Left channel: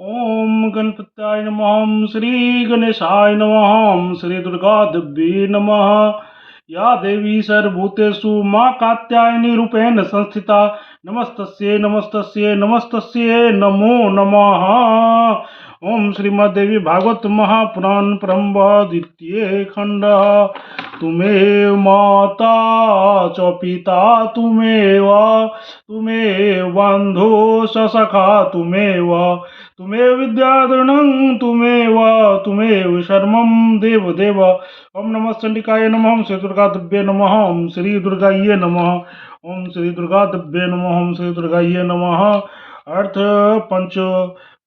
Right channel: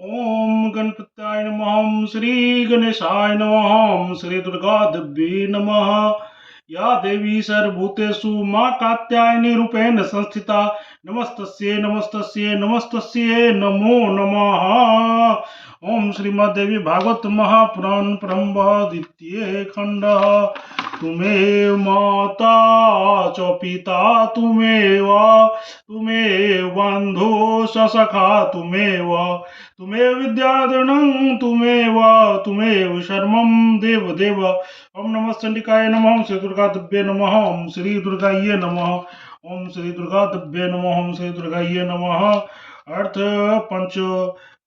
ओम गणपत्याय नमः। श्री गणेशाय नमः। श्री दुर्गा देवी नमः। या देवी सर्वभूतेषु मां कात्यायनी रूपेण संस्थिता। नमस्तस्यै नमस्तस्यै नमस्तस्यै नमो नमः। ओम श्रीमद्देवी भागवत महापुराण ब्रह्म द्वितीय खंड। तुम्हें माता च पिता तुम्हें बंधु सखा तुम्हें विद्याधरणं तुम्हें शर्मं देव। ओम नमः चंडिकाय नमः। ओम श्री दुर्गा दिव्ये नमः। ओम श्री दुर्गाये नमः। ओम श्री दुर्गा दिव्ये नमः। ओम श्री दुर्गाये नमः। अर्थ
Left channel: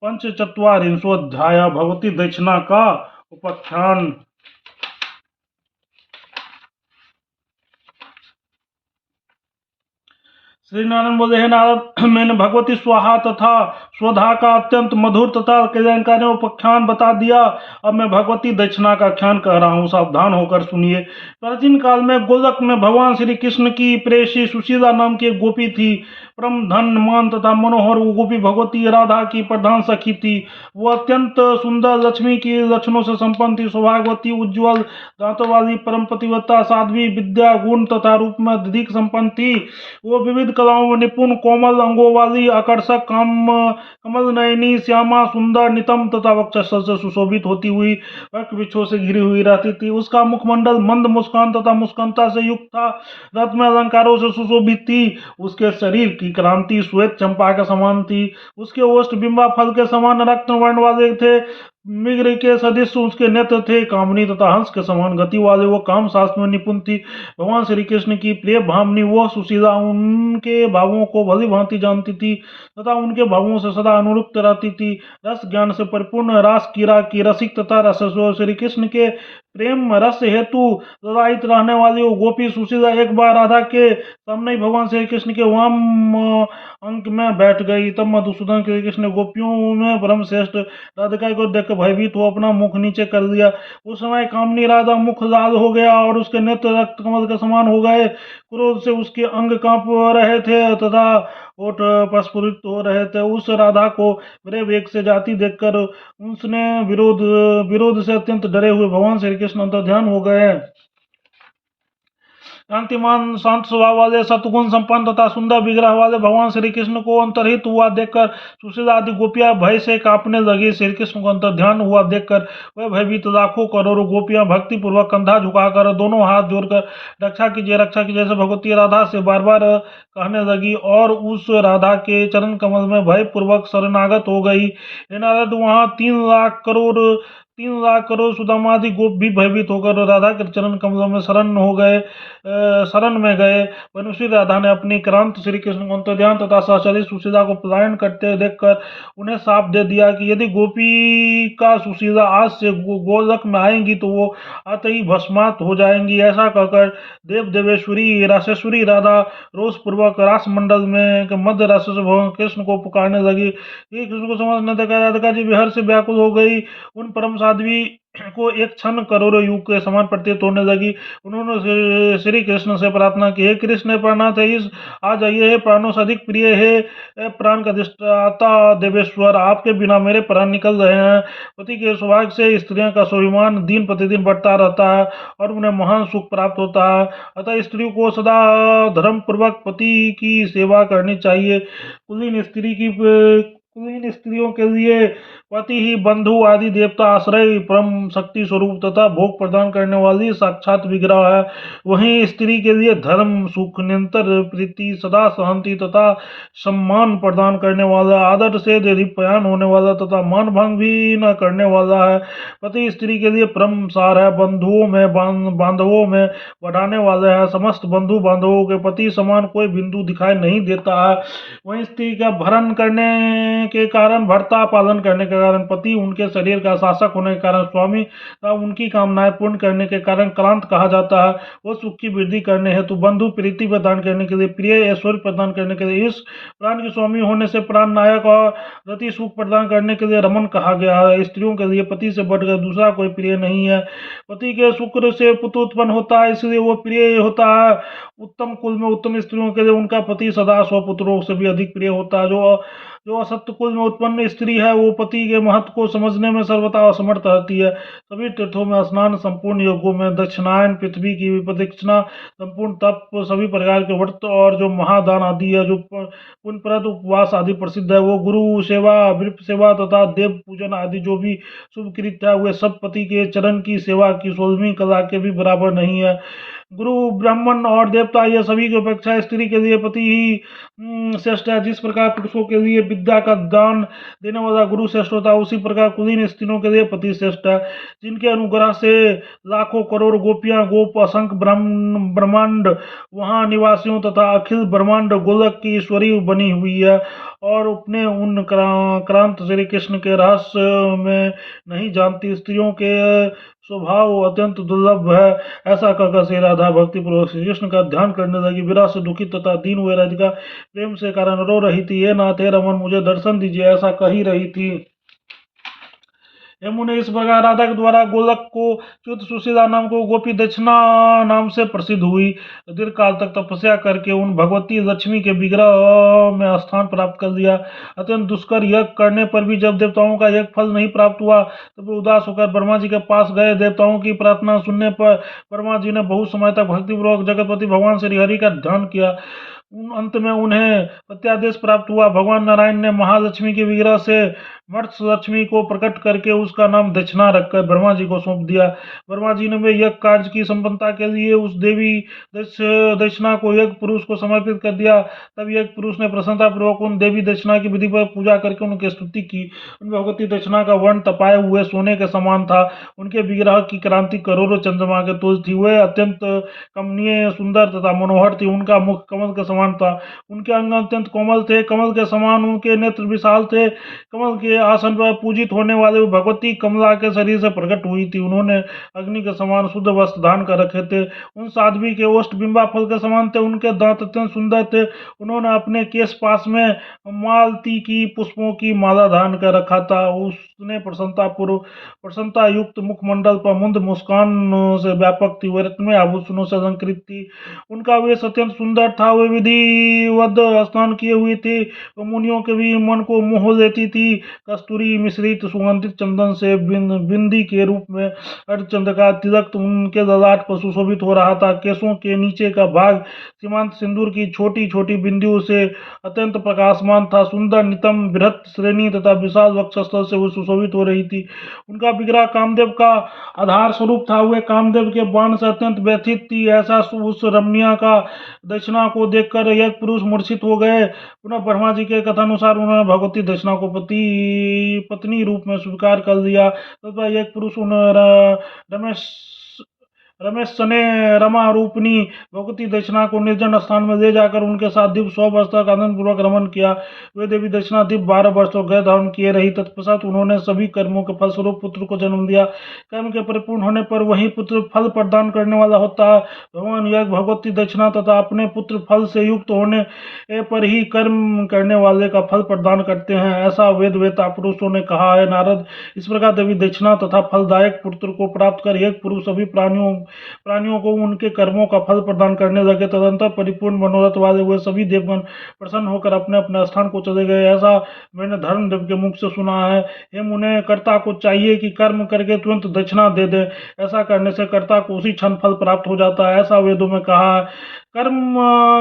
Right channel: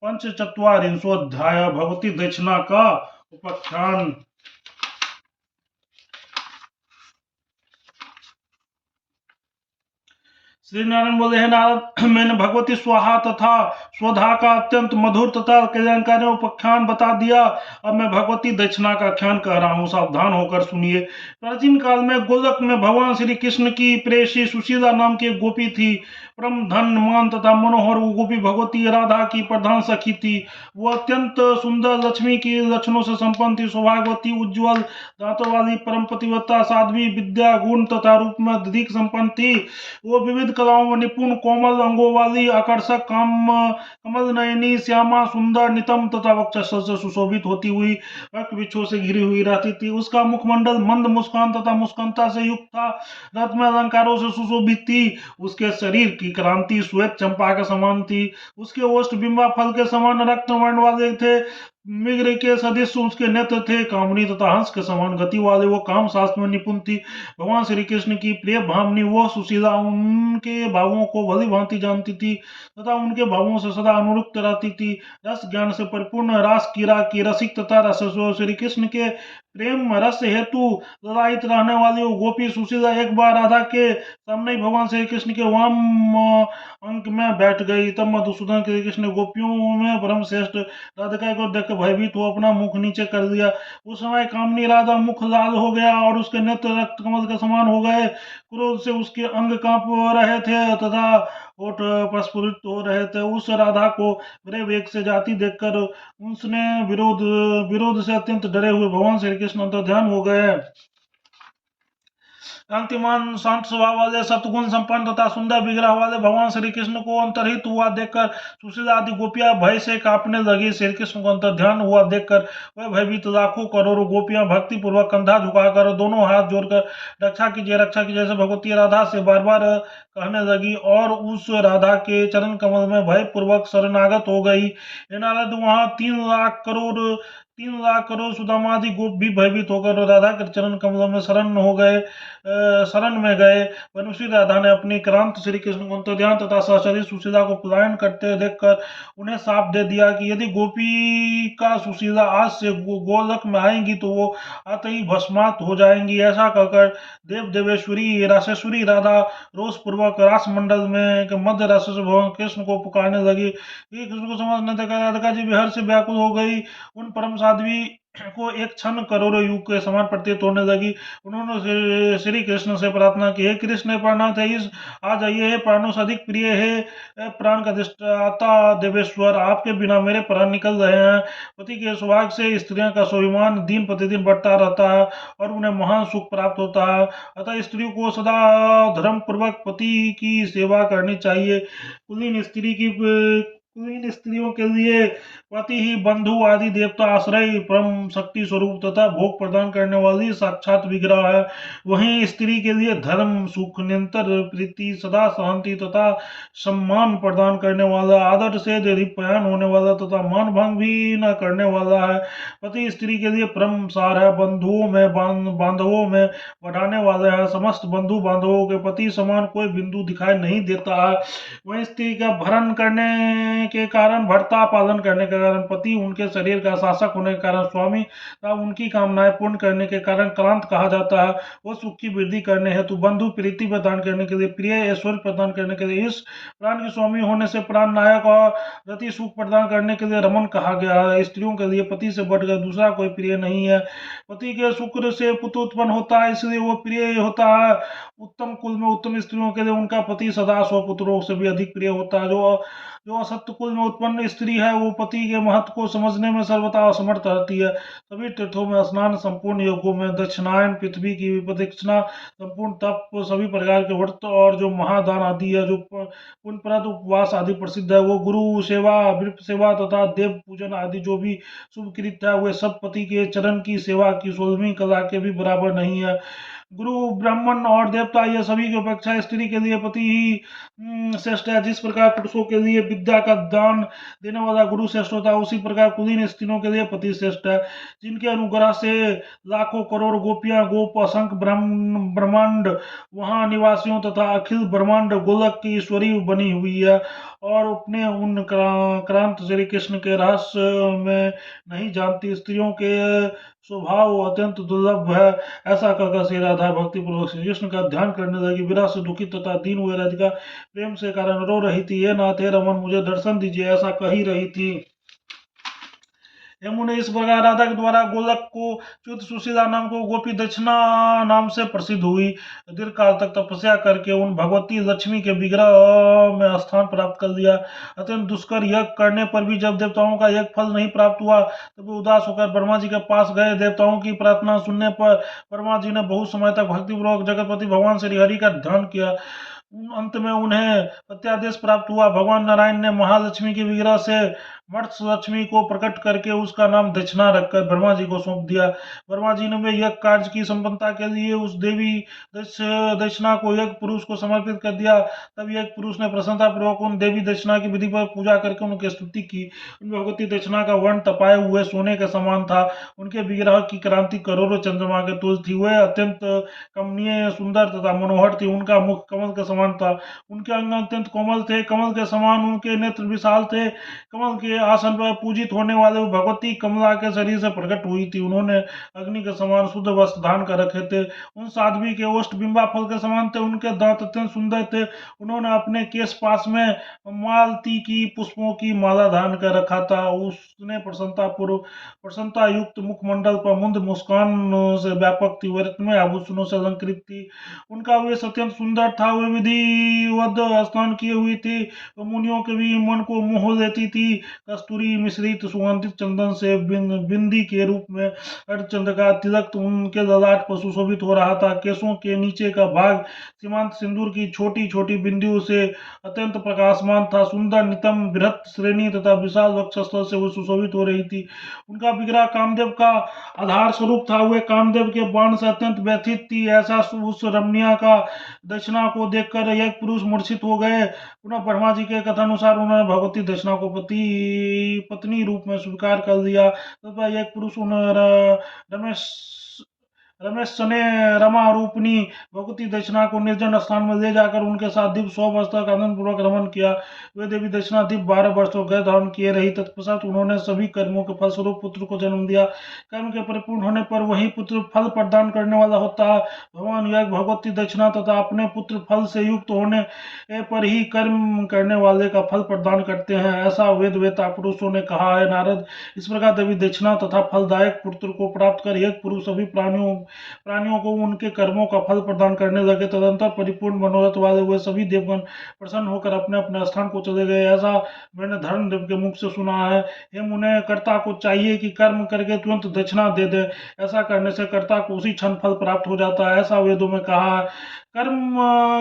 पंचचत्वारिंशोऽध्याय भगवती दक्षिणा का उपाख्यान। श्री नारायण बोले, हे नारद, मैंने भगवती स्वाहा तथा स्वधा का अत्यंत मधुर तथा कल्याणकारी उपाख्यान बता दिया। अब मैं भगवती दक्षिणा का आख्यान कह रहा हूँ, सावधान होकर सुनिए। प्राचीन काल में गोलक में भगवान श्री कृष्ण की प्रेयसी सुशीला नाम की एक गोपी थी। परम धनमान तथा मनोहर वो गोपी भगवती राधा की प्रधान सखी थी। वो अत्यंत सुंदर, लक्ष्मी की लक्षणों से संपन्न थी, सौभाग्यवती, उज्ज्वल दांतों वाली, परम पतिव्रता, साध्वी, विद्या, गुण तथा रूप में अधिक संपन्न थी। वो विविध कलाओं में निपुण, कोमल अंगों वाली, आकर्षक, कमल नयनी, श्यामा, सुंदर, नितम तथा वक्षस्थल से सुशोभित होती हुई वक्र वृक्षों से घिरी हुई रहती थी। उसका मुखमंडल मंद मुस्कान तथा मुस्कानता से युक्त था, रत्न अलंकारों से सुशोभित थी। उसके शरीर की क्रांति श्वेत चंपा के समान थी। उसके ओष्ठ बिंबा फल के समान रक्त वर्ण वाले थे। मृग के सदृश उसके नेत्र थे। कामनी तथा हंस के समान गति वाले वो काम शास्त्र में निपुण थी। भगवान श्री कृष्ण की प्रिय भावनी वह सुशीला उनके भावों को भली भांति जानती थी तथा उनके भावों से सदा अनुरुक्त रहती थी। रस ज्ञान से परिपूर्ण, रास कीरा की रसिक तथा रसस्व श्री कृष्ण के प्रेम रस हेतु ललायित रहने वाली वो गोपी सुशीला एक बार राधा के सामने भगवान श्री कृष्ण के वाम अंक में बैठ गई। तब मधुसूदन श्री कृष्ण गोपियों में परम श्रेष्ठ राधिका को देखकर भयभीत हो अपना मुख नीचे कर लिया। उस समय कामनी राधा मुख लाल हो गया और उसके नेत्र रक्त कमल के समान हो गए। क्रोध से उसके अंग कांप रहे थे तथा ओठ प्रस्फुरित हो रहे थे। उस राधा को बड़े वेग से जाती देखकर उसने विरोध से अत्यंत डरे हुए भगवान श्री कृष्ण अंतर ध्यान हो गए। कांतिमान, शांत स्वभाव वाले, सतगुण संपन्न तथा सुंदर विग्रह वाले भगवान श्री कृष्ण को अंतरहित हुआ देखकर सुशीला आदि गोपियां भय से कांपने लगी। श्री कृष्ण को अंतर ध्यान हुआ देखकर वह भयभीत लाखों करोड़ों गोपियां भक्ति पूर्वक कंधा झुकाकर दोनों हाथ जोड़कर रक्षा कीजिए से भगवती राधा से बार बार कहने लगी और उस राधा के चरण कमल में भय पूर्वक शरणागत हो गई। हे नारद, वहां 3 लाख करोड़ सुदामादि गोप भी भयभीत होकर राधा के चरण कमलों में शरण में गए। वनुश्री राधा ने अपनी क्रांत श्री कृष्ण को अंतर्ध्यान तथा सहचरी सुशीला को पलायन करते देखकर उन्हें शाप दे दिया कि यदि गोपी का सुशीला आज से गोलक में आएंगी तो वो आते ही भस्मात हो जाएंगी। ऐसा कहकर देवेश्वरी राशेश्वरी राधा रोष पूर्वक रास मंडल में मध्य राशि से भगवान कृष्ण को पुकारने लगी। श्री कृष्ण को समझने देखा राधिका जी विहर से व्याकुल हो गई। उन परम साध्वी को एक क्षण करोड़ों युग के समान प्रतीत होने लगी। उन्होंने श्री कृष्ण से प्रार्थना की, हे कृष्ण प्राणनाथ, इस आ जाइए, हे प्राणों से अधिक प्रिय, हे प्राण का अधिष्ठाता देवेश्वर, आपके बिना मेरे प्राण निकल रहे हैं। पति के सौभाग्य से स्त्रियों का स्वाभिमान दिन प्रतिदिन बढ़ता रहता है और उन्हें महान सुख प्राप्त होता है। अतः स्त्रियों को सदा धर्म पूर्वक पति की सेवा करनी चाहिए। कुलीन स्त्रियों के लिए पति ही बंधु आदि देवता आश्रय, परम शक्ति स्वरूप तथा भोग प्रदान करने वाली साक्षात विग्रह है। वहीं स्त्री के लिए धर्म, सुख, निरंतर प्रीति, सदा शांति तथा सम्मान प्रदान करने वाला, आदर से दीप्यान होने वाला तथा मान भंग भी न करने वाला है। पति स्त्री के लिए परम सार है, बांधवों में बढ़ाने वाले हैं। समस्त बंधु बांधवों के पति समान कोई बिंदु दिखाई नहीं देता है। वहीं स्त्री का भरण करने के कारण भर्ता, पालन करने के कारण पति, उनके शरीर का शासक होने के कारण स्वामी तथा उनकी कामनाएं पूर्ण करने के कारण क्रांत कहा जाता है। वो सुख की वृद्धि करने हेतु बंधु, प्रीति प्रदान करने के लिए प्रिय, ऐश्वर्य प्रदान करने के लिए इस प्राण के स्वामी होने से प्राण नायक और रति सुख प्रदान करने के लिए रमन कहा गया है। स्त्रियों के लिए पति से बढ़कर दूसरा कोई प्रिय नहीं है। पति के शुक्र से पुत्र उत्पन्न होता है, इसलिए वो प्रिय होता है। उत्तम कुल में उत्तम स्त्रियों के लिए उनका पति सदा 100 पुत्रों से भी अधिक प्रिय होता है। जो जो असत्य कुल में उत्पन्न स्त्री है वो पति के महत्व को समझने में सर्वथा असमर्थ रहती है। सभी तीर्थों में स्नान, संपूर्ण योगों में दक्षिणायन, पृथ्वी की प्रदक्षिणा, संपूर्ण तप, सभी प्रकार के व्रत और जो महादान आदि है, जो पुण्यप्रद उपवास आदि प्रसिद्ध है, वो गुरु सेवा, विप्र सेवा तथा देव पूजन आदि जो भी शुभ कृत्य है, वे सब पति के चरण की सेवा की 16वीं कला के भी बराबर नहीं है। गुरु, ब्राह्मण और देवता ये सभी की अपेक्षा स्त्री के लिए पति ही श्रेष्ठ है। जिस प्रकार पुरुषों के लिए विद्या का दान देने वाला गुरु श्रेष्ठ होता है, उसी प्रकार कुलीन स्त्रियों के लिए पति श्रेष्ठ है। जिनके अनुग्रह से लाखों करोड़ गोपियां, गोप, असंख्य ब्रह्मांड वहां निवासियों तथा अखिल ब्रह्मांड गोलक की ईश्वरी बनी हुई है और अपने उन क्रांत श्री कृष्ण के रहस्य में नहीं जानती स्त्रियों के स्वभाव अत्यंत दुर्लभ है। ऐसा कहकर श्री राधा भक्ति पूर्वक श्री कृष्ण का ध्यान करने लगी। विरह से दुखित तथा दीन हुए राधिका प्रेम से कारण रो रही थी। हे नाथ, हे रमन, मुझे दर्शन दीजिए, ऐसा कह ही रही थी। यमुने इस प्रकार राधा के द्वारा गोलक को च्युत सुशीला नाम को गोपी दक्षिणा नाम से प्रसिद्ध हुई। दीर्घ काल तक तपस्या करके उन भगवती लक्ष्मी के विग्रह में स्थान प्राप्त कर लिया। अत्यंत दुष्कर यज्ञ करने पर भी जब देवताओं का यज्ञ फल नहीं प्राप्त हुआ तब वे उदास होकर ब्रह्मा जी के पास गए। देवताओं की प्रार्थना सुनने पर ब्रह्मा जी ने बहुत समय तक भक्तिपूर्वक जगतपति भगवान श्री हरि का ध्यान किया। अंत में उन्हें प्रत्यादेश प्राप्त हुआ। भगवान नारायण ने महालक्ष्मी के विग्रह से मत्स्य लक्ष्मी को प्रकट करके उसका नाम दक्षिणा रखकर ब्रह्मा जी को सौंप दिया। ब्रह्मा जी ने वे यज्ञ कार्य की संपन्नता के लिए उस देवी दक्षिणा को यज्ञ पुरुष को समर्पित कर दिया। तब यज्ञ पुरुष ने प्रसन्नता पूर्वक उन देवी दक्षिणा की विधि पर पूजा करके उनकी स्तुति की। उन भगवती दक्षिणा का वर्ण तपाए हुए सोने के समान था। उनके विग्रह की क्रांति करोड़ों चंद्रमा के तुल्य थी। वे अत्यंत कमनीय, सुंदर तथा मनोहर थी। उनका मुख कमल के समान था। उनके अंग अत्यंत कोमल थे, कमल के समान। उनके नेत्र विशाल थे। कमल के आसन पर पूजित होने वाले भगवती कमला के शरीर से प्रकट हुई थी। उन्होंने अग्नि के समान शुद्ध वस्त्र धारण कर रखे थे। उन साध्वी के ओष्ठ बिंबा फल के समान थे। उनके दांत अत्यंत सुंदर थे। उन्होंने अपने केश पास में मालती की पुष्पों की माला धारण कर रखा था। उसने प्रसन्नता युक्त मुखमंडल पर मुंद मुस्कान से व्यापक थी। वे रत्नमय आभूषणों से अलंकृत थी। उनका वेश अत्यंत सुंदर था। वे विधिवत स्नान किए हुई थी। वो मुनियों के भी मन को मोह लेती थी। कस्तूरी मिश्रित सुगंधित चंदन से बिंदी के रूप में अर्धचंद्र का तिलक उनके ललाट पर सुशोभित हो रहा था। केसों के नीचे का भाग सीमांत सिंदूर की छोटी छोटी बिंदियों से अत्यंत प्रकाशमान था। सुंदर, नितंब, बृहत श्रेणी तथा विशाल वक्षस्थल से वो सुशोभित हो रही थी। उनका विग्रह कामदेव का आधार स्वरूप था। वे कामदेव के बाण से अत्यंत व्यथित थी। ऐसा उस रमणीय का दक्षिणा को देखकर एक पुरुष मूर्छित हो गए। पुनः ब्रह्मा जी के कथानुसार उन्होंने भगवती दक्षिणा को पत्नी रूप में स्वीकार कर लिया। तथा एक पुरुष रमेश रमेश ने रमा रूपनी भगवती दक्षिणा को निर्जन स्थान में ले जाकर उनके साथ दिव्य 100 वर्ष तक आनंद पूर्वक रमन किया। वे देवी दक्षिणा दिव्य 12 वर्ष तक गृह धारण किए रही। तत्पश्चात उन्होंने सभी कर्मों के फलस्वरूप पुत्र को जन्म दिया। कर्म के परिपूर्ण होने पर वही पुत्र फल प्रदान करने वाला होता है। भगवान यज्ञ, भगवती दक्षिणा तथा अपने पुत्र फल से युक्त होने पर ही कर्म करने वाले का फल प्रदान करते हैं, ऐसा वेद वेता पुरुषों ने कहा है। नारद, इस प्रकार देवी दक्षिणा तथा फलदायक पुत्र को प्राप्त कर एक पुरुष सभी प्राणियों को उनके कर्मों का फल प्रदान करने लगे। तदंतर परिपूर्ण मनोरथ वाले हुए सभी देवगण प्रसन्न होकर अपने अपने स्थान को चले गए। ऐसा मैंने धर्मदेव के मुख से सुना है। हे मुने, कर्ता को चाहिए कि कर्म करके तुरंत दक्षिणा दे दे। ऐसा करने से कर्ता को उसी क्षण फल प्राप्त हो जाता है, ऐसा वेदों में कहा है। कर्म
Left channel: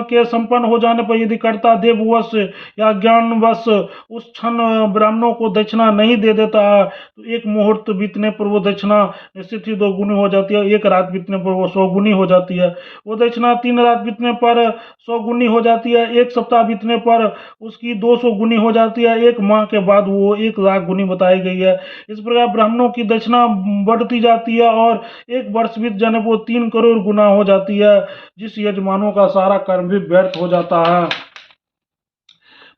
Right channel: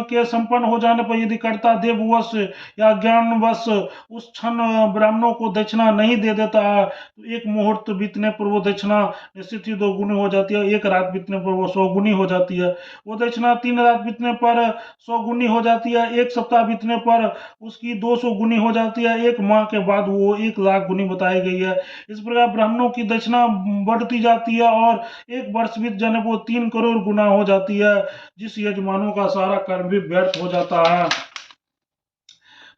के संपन्न हो जाने पर यदि कर्ता देववश या ज्ञानवश उस क्षण ब्राह्मणों को दक्षिणा नहीं दे देता है तो एक मुहूर्त बीतने पर वो दक्षिणा निश्चित ही 2 गुनी हो जाती है। एक रात बीतने पर वो 100 गुनी हो जाती है। वो दक्षिणा 3 रात बीतने पर 100 गुनी हो जाती है। 1 सप्ताह बीतने पर उसकी 200 गुनी हो जाती है। 1 माह के बाद वो 1 लाख गुनी बताई गई है। इस प्रकार ब्राह्मणों की दक्षिणा बढ़ती जाती है और 1 वर्ष बीत जाने पर वो 3 करोड़ गुना हो जाती है, जिस यजमानों का सारा कर्म भी व्यर्थ हो जाता है।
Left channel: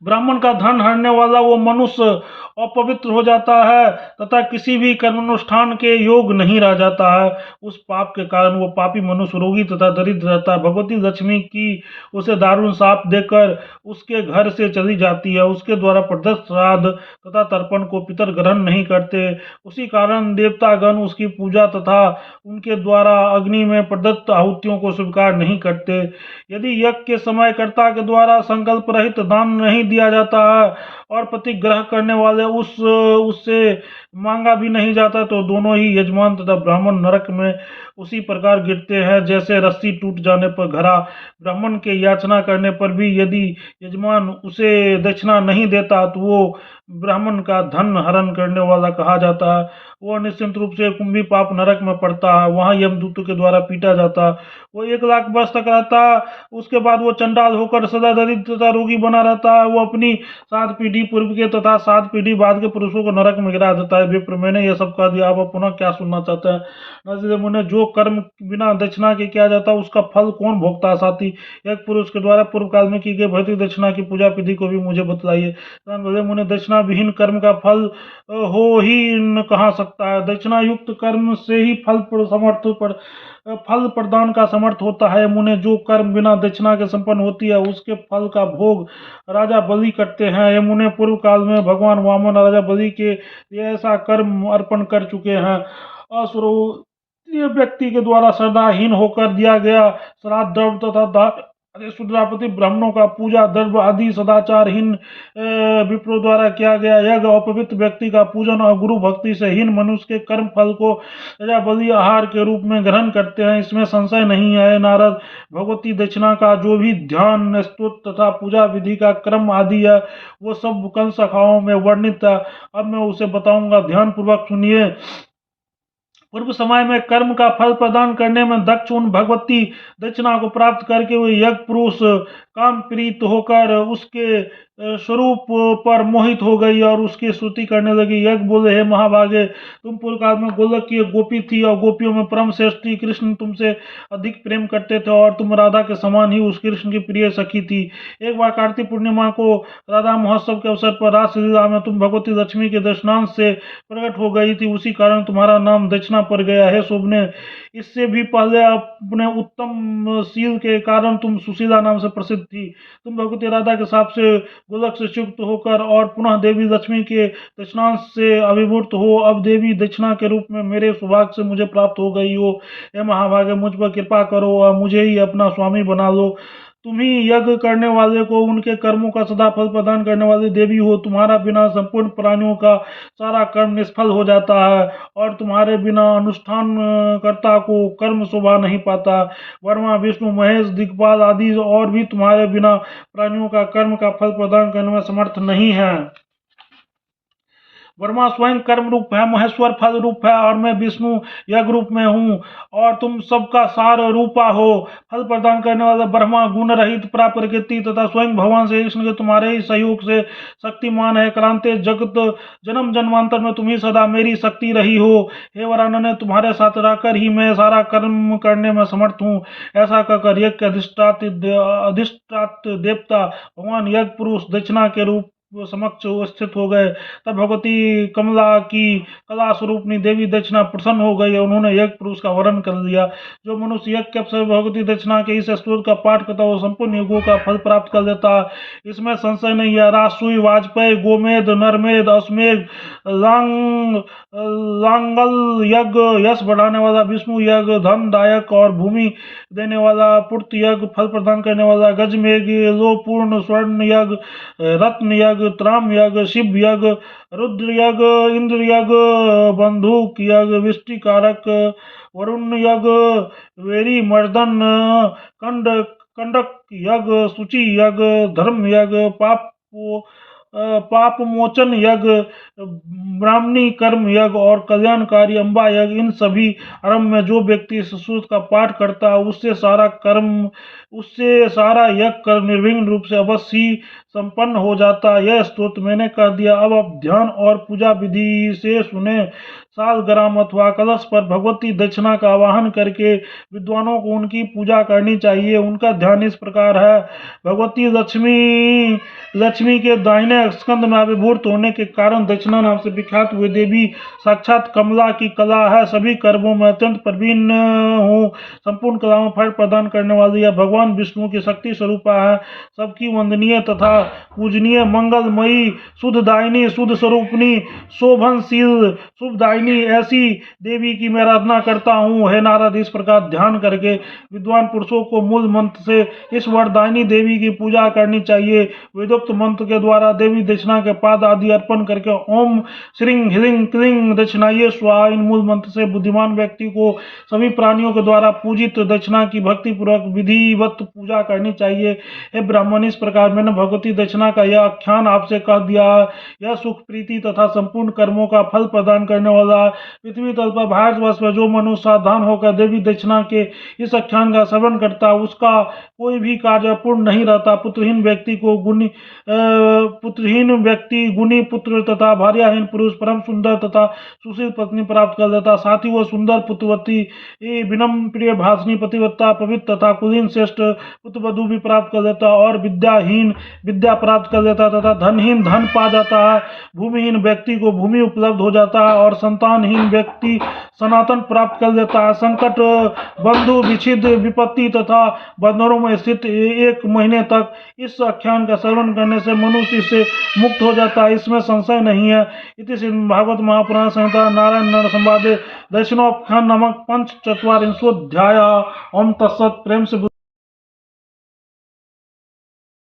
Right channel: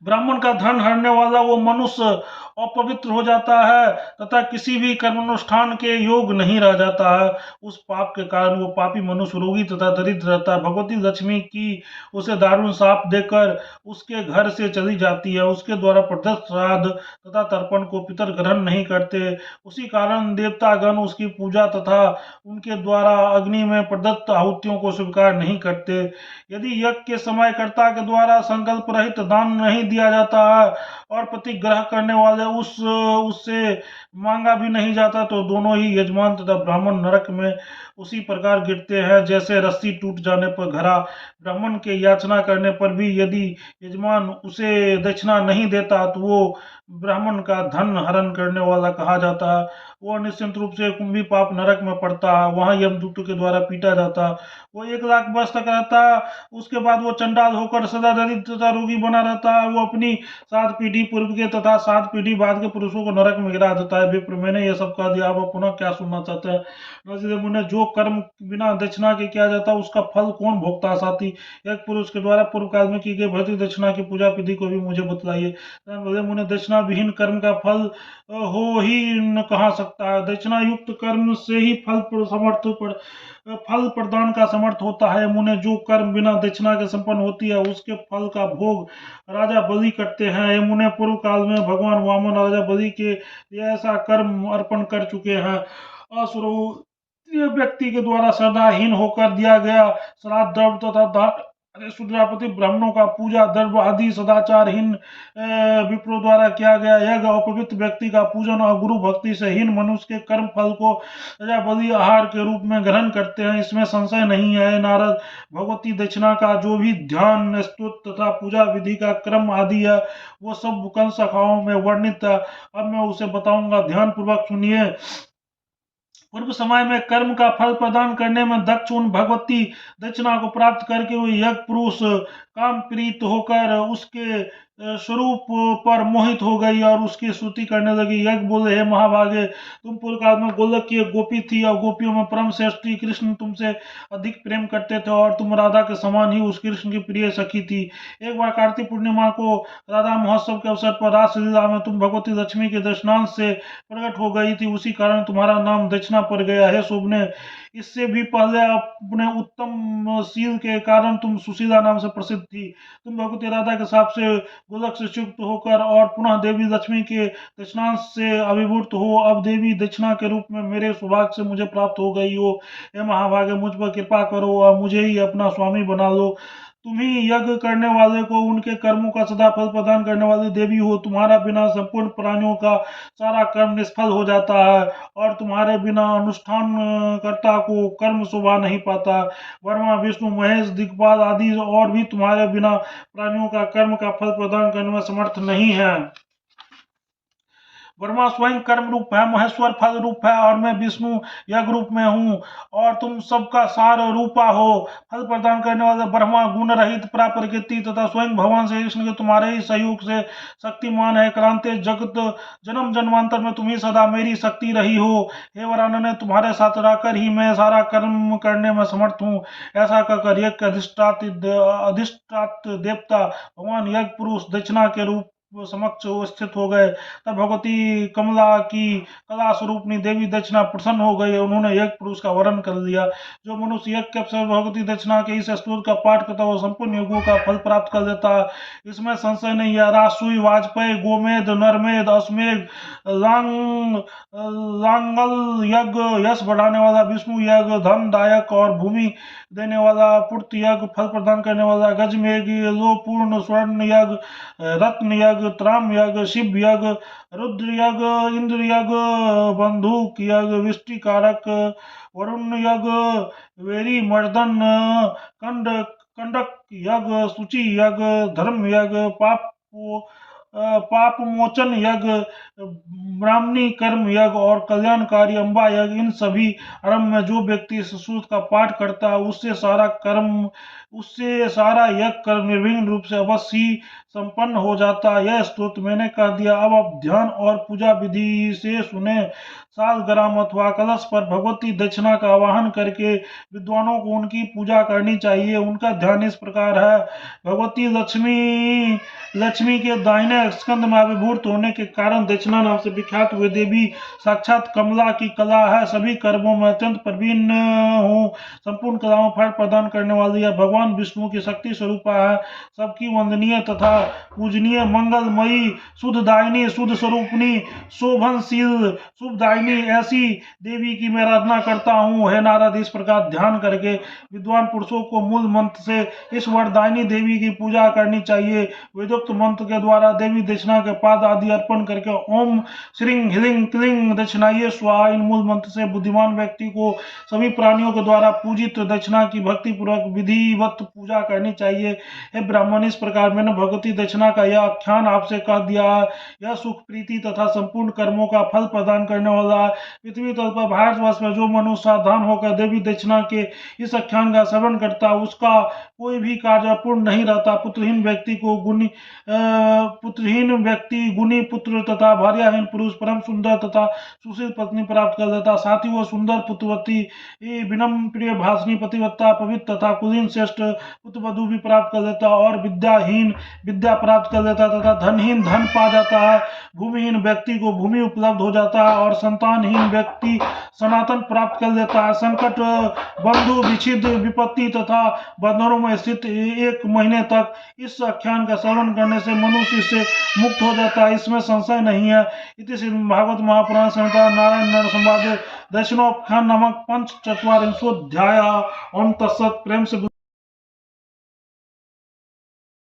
ब्राह्मण का धन हरने वाला वो मनुष्य अपवित्र हो जाता है तथा किसी भी कर्मानुष्ठान के योग नहीं रह जाता है। उस पाप के कारण वो पापी मनुष्य रोगी तथा दरिद्र रहता है। भगवती लक्ष्मी की उसे दारुण शाप देकर उसके घर से चली जाती है। उसके द्वारा प्रदत्त श्राद्ध तथा तर्पण को पितर ग्रहण नहीं करते। उसी कारण देवतागण उसकी पूजा तथा उनके द्वारा अग्नि में प्रदत्त आहुतियों को स्वीकार नहीं करते। यदि यज्ञ के समय कर्ता के द्वारा संकल्प रहित दान नहीं दिया जाता है और प्रतिग्रह करने वाले उससे मांगा भी नहीं जाता, तो दोनों ही यजमान तथा ब्राह्मण नरक में उसी प्रकार गिरते हैं जैसे रस्सी टूट जाने पर घड़ा। ब्राह्मण के याचना करने पर भी यदि यजमान उसे दक्षिणा नहीं देता तो वो ब्राह्मण का धन हरण करने वाला कहा जाता है। वह निश्चित रूप से कुंभी पाप नरक में पड़ता है, वहां यमदूतों के द्वारा पीटा जाता। वो 1 लाख वर्ष तक रहता, उसके बाद वो चंडाल होकर सदा दरिद्र तथा रोगी बना रहता है। वो अपनी 7 पीढ़ी पूर्व के तथा 7 पीढ़ी बाद के पुरुषों को नरक में गिरा देता है। विप्र, मैंने यह सब कह दिया, अब पुनः क्या सुनना चाहता है? नरसिंह मुनि, जो कर्म बिना दक्षिणा के किया जाता उसका फल कौन भोगता है? साथी, एक पुरुष के द्वारा पूर्व काल में की गई भौतिक दक्षिणा की पूजा विधि को भी मुझे बतलाइए। बोले, मुनि, दक्षिणा विहीन कर्म का फल हो ही न कहा सकता है। दक्षिणा युक्त कर्म से ही फल प्रदान का समर्थ होता है। मुने, जो कर्म बिना दक्षिणा के संपन्न होती है उसके फल का भोग राजा बलि करते हैं। ये मुने, पूर्व काल में भगवान वामन राजा बलि के लिए ऐसा कर्म अर्पण कर चुके हैं। असुरो ये व्यक्ति के द्वारा श्रद्धाहीन होकर दिया गया श्राद्ध, द्रव्य तथा शूद्रापति ब्राह्मणों का पूजा द्रव्य आदि सदाचारहीन विप्रों द्वारा किया गया यज्ञ, अपवित्र व्यक्ति का पूजन और गुरु भक्ति से हीन मनुष्य के कर्म फल को राजा बलि आहार के रूप में ग्रहण करते हैं, इसमें संशय नहीं है। नारद, भगवती दक्षिणा का जो भी ध्यान, स्तुति तथा पूजा विधि का क्रम आदि है वो सब कल शाखाओं में वर्णित है। अब मैं उसे बताऊंगा, ध्यान पूर्वक सुनिए। पूर्व समय में कर्म का फल प्रदान करने में दक्ष उन भगवती दक्षिणा को प्राप्त करके हुए यज्ञ पुरुष काम प्रीत होकर उसके स्वरूप पर मोहित हो गई और उसकी स्तुति करने लगी। यज्ञ बोले, हे महाभागे, तुम पूर्व काल में गोलक की एक गोपी थी और गोपियों में परम श्रेष्ठ कृष्ण तुमसे अधिक प्रेम करते थे और तुम राधा के समान ही उस कृष्ण की प्रिय सखी थी। एक बार कार्तिक पूर्णिमा को राधा महोत्सव के अवसर पर रासलीला में तुम भगवती लक्ष्मी के दर्शनांश से प्रकट हो गई थी, उसी कारण तुम्हारा नाम दक्षिणा पड़ गया है। शोभने, इससे भी पहले अपने उत्तम शील के कारण तुम सुशीला नाम से प्रसिद्ध थी। तुम भगवती राधा के साथ से गोलक से युक्त होकर और पुनः देवी लक्ष्मी के दक्षिणांश से अभिभूत हो अब देवी दक्षिणा के रूप में मेरे सौभाग्य से मुझे प्राप्त हो गई हो। हे महाभागे, मुझ पर कृपा करो और मुझे ही अपना स्वामी बना लो। तुम ही यज्ञ करने वाले को उनके कर्मों का सदा फल प्रदान करने वाली देवी हो। तुम्हारा बिना संपूर्ण प्राणियों का सारा कर्म निष्फल हो जाता है और तुम्हारे बिना अनुष्ठान कर्ता को कर्म शोभा नहीं पाता। वर्मा, विष्णु, महेश, दिक्पाल आदि और भी तुम्हारे बिना प्राणियों का कर्म का फल प्रदान करने में समर्थ नहीं है। वर्मा स्वयं कर्म रूप है, महेश्वर फल रूप है और मैं विष्णु यज्ञ रूप में हूँ और तुम सबका सार रूपा हो। फल प्रदान करने वाले ब्रह्मा गुण रहित प्राप्रकृति तथा स्वयं भगवान श्री कृष्ण के तुम्हारे ही सहयोग से शक्तिमान है। क्रांति जगत जन्म जन्मांतर में तुम ही सदा मेरी शक्ति रही हो। हे वरानने, तुम्हारे साथ रहकर ही मैं सारा कर्म करने में समर्थ हूँ। ऐसा कहकर यज्ञ अधिष्ठात देवता भगवान यज्ञ पुरुष दक्षिणा के रूप समक्ष स्थित हो गए। तब भगवती कमला की कला स्वरूपनी देवी दक्षिणा प्रसन्न हो गई। उन्होंने यज्ञ पुरुष का वर्ण कर लिया। जो मनुष्य यज्ञ के अवसर भगवती दक्षिणा के इस स्तोत्र का पाठ करता है वो संपूर्ण युगों का फल प्राप्त कर लेता है, इसमें संशय नहीं है। रासुई, वाजपेयी, गोमेद, नरमेद, अश्वमेध, लांगल यज्ञ, यश बढ़ाने वाला विष्णु यज्ञ, धन दायक और भूमि देने वाला पूर्त यज्ञ, फल प्रदान करने वाला गजमेघ, लोपूर्ण स्वर्ण यज्ञ, रत्न यज्ञ, त्राम यज्ञ, शिव यज्ञ, रुद्र यज्ञ, इंद्र यज्ञ, बंदूक यज्ञ, विष्टिकारक, वरुण यज्ञ, वेरी मर्दन, कंडक यज्ञ, सूची यज्ञ, धर्म यज्ञ, पाप मोचन यज्ञ, ब्राह्मणी कर्म यज्ञ और कल्याणकारी अम्बा यज्ञ, इन सभी आरंभ में जो व्यक्ति इस सूत्र का पाठ करता है उससे सारा यज्ञ कर निर्विघ्न रूप से अवश्य ही संपन्न हो जाता। यह स्तोत्र मैंने कर दिया। अब आप ध्यान और पूजा विधि से सुने। सालग्राम अथवा कलश पर भगवती दक्षिणा का आवाहन करके विद्वानों को उनकी पूजा करनी चाहिए। उनका ध्यान इस प्रकार है। भगवती लक्ष्मी के दाहिने स्कंद में अभिभूत होने के कारण दक्षिणा नाम से विख्यात हुए देवी साक्षात कमला की कला है। सभी कर्मों में अत्यंत प्रवीण हूँ, संपूर्ण कलाओं में फल प्रदान करने वाली है। भगवान विष्णु की शक्ति स्वरूपा है, सबकी वंदनीय तथा पूजनीय, मंगलमयी, शुद्धदायिनी, शुद्ध स्वरूपिणी, शोभनशील, शुभदायिनी ऐसी देवी की मैं आराधना करता हूँ। हे नारद, इस प्रकार ध्यान करके विद्वान पुरुषों को मूल मंत्र से इस वरदायिनी देवी की पूजा करनी चाहिए। वेदोक्त मंत्र के द्वारा देवी दक्षिणा के पाद आदि अर्पण करके ओम श्रीं ह्रीं क्लीं दक्षिणाये स्वाहा इन मूल मंत्र से बुद्धिमान व्यक्ति को सभी प्राणियों के द्वारा पूजित दक्षिणा की भक्ति पूर्वक विधिवत पूजा करनी चाहिए। हे ब्राह्मण, इस प्रकार मैंने भगवती दक्षिणा का यह आख्यान आपसे कह दिया। यह सुख, प्रीति तथा संपूर्ण कर्मों का फल प्रदान करने वाला पृथ्वी तल पर भारतवर्ष में जो मनुष्य सावधान होकर देवी दक्षिणा के इस आख्यान का श्रवण करता है उसका कोई भी कार्य पूर्ण नहीं रहता। पुत्रहीन व्यक्ति गुणी पुत्र तथा भार्याहीन पुरुष परम सुंदर तथा सुशील पत्नी प्राप्त कर लेता। साथ ही वह सुंदर पुत्रवती, विनम्र प्रिय भाषणी पतिव्रता, पवित्र तथा कुलीन श्रेष्ठ पुत्रवधू भी प्राप्त कर लेता और विद्याहीन विद्या प्राप्त कर लेता तथा धनहीन धन पा जाता है। भूमिहीन व्यक्ति को भूमि उपलब्ध हो जाता है और संतानहीन व्यक्ति सनातन प्राप्त कर लेता है। संकट, बंधु विच्छिन्न, विपत्ति तथा बंधनों में स्थित 1 महीने तक इस आख्यान का श्रवण करने से मनुष्य इससे मुक्त हो जाता है, इसमें संशय नहीं है। इति श्रीमद् भागवत महापुराण संहिता नारायण नर संवादे दक्षिणोपाख्यान नामक 4 अध्याय। ओम तत्सत। प्रेम से